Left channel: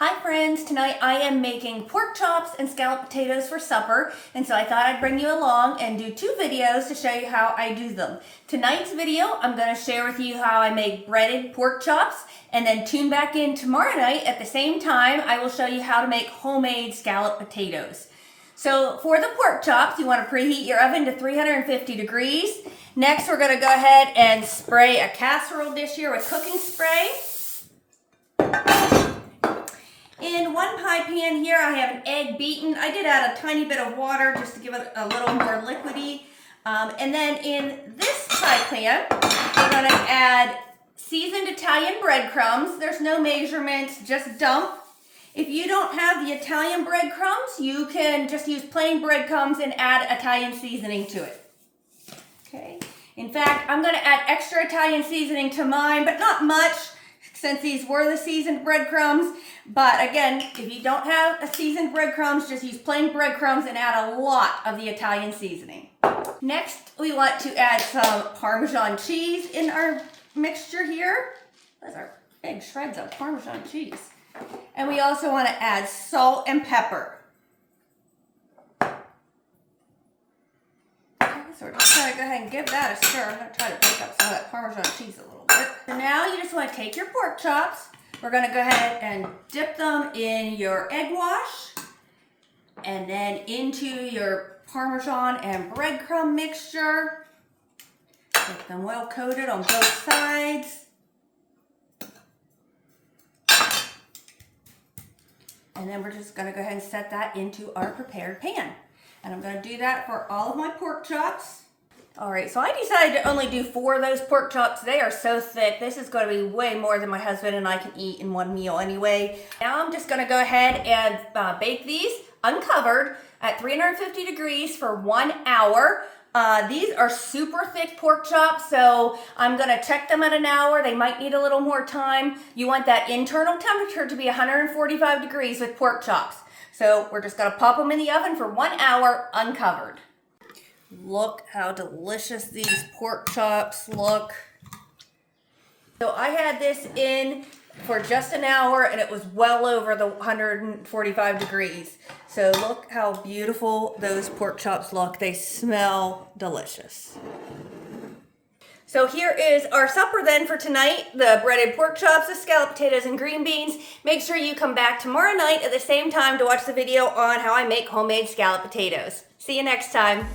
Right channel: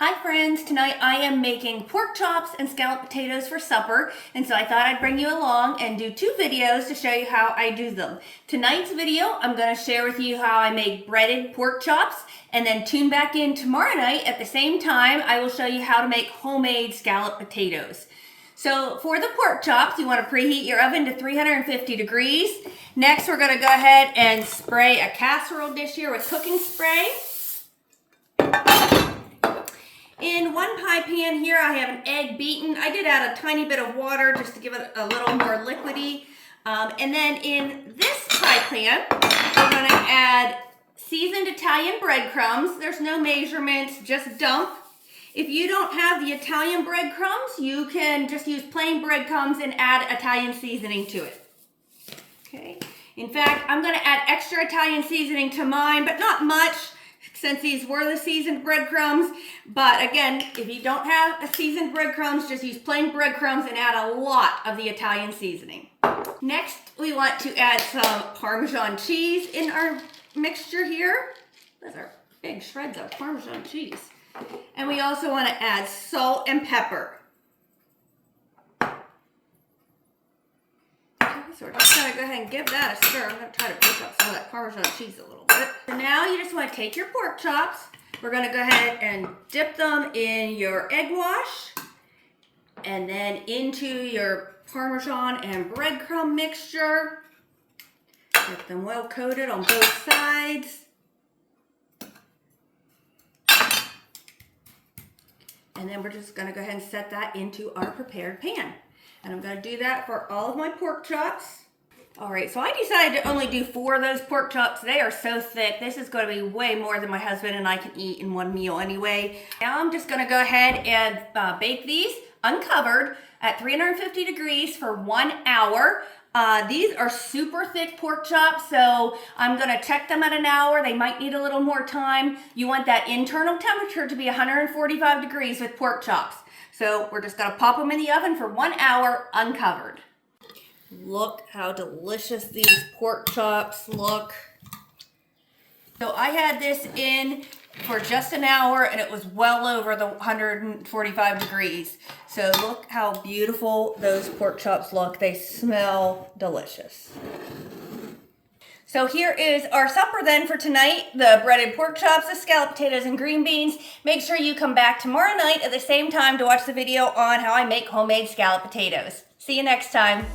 Hi friends, tonight I am making pork chops and scalloped potatoes for supper, and so I thought I'd bring you along and do two videos to show you how I do them. Tonight's video, I'm going to share with you how I make breaded pork chops, and then tune back in tomorrow night at the same time. I will show you how to make homemade scalloped potatoes. So for the pork chops, you want to preheat your oven to 350 degrees. Next, we're going to go ahead and spray a casserole dish here with cooking spray. In one pie pan here, I have an egg beaten. I did add a tiny bit of water just to give it a little more liquidy. And then in this pie pan, I'm going to add seasoned Italian breadcrumbs. There's no measurements, just dump. If you don't have the Italian breadcrumbs, you can just use plain breadcrumbs and add Italian seasoning to it. Okay. In fact, I'm going to add extra Italian seasoning to mine, but not much, since these were the seasoned breadcrumbs. But again, if you don't have a seasoned breadcrumbs, just use plain breadcrumbs and add a lot of the Italian seasoning. Next, we want to add some Parmesan cheese in our mixture here. Those are big shreds of Parmesan cheese. And we also want to add salt and pepper. Okay, so we're just going to go ahead and give that a stir. I'm going to try to break up some of that Parmesan cheese a little bit. So now you just want to take your pork chops. We're going to go ahead and dip them in your egg wash and then into your Parmesan and breadcrumb mixture. Get them well coated on both sides. And then we're just going to go ahead and set that into our prepared pan. And I'm going to do that for all of my pork chops. All right, so I decided to only do 4 of those pork chops. They are so thick. This is going to be way more than my husband and I can eat in one meal anyway. Now I'm just going to go ahead and bake these uncovered at 350 degrees for 1 hour. These are super thick pork chops, so I'm going to check them at an hour. They might need a little more time. You want that internal temperature to be 145 degrees with pork chops. So we're just going to pop them in the oven for 1 hour uncovered. Look how delicious these pork chops look. So I had this in for just an hour and it was well over the 145 degrees. So look how beautiful those pork chops look. They smell delicious. So here is our supper then for tonight. The breaded pork chops, the scalloped potatoes, and green beans. Make sure you come back tomorrow night at the same time to watch the video on how I make homemade scalloped potatoes. See you next time.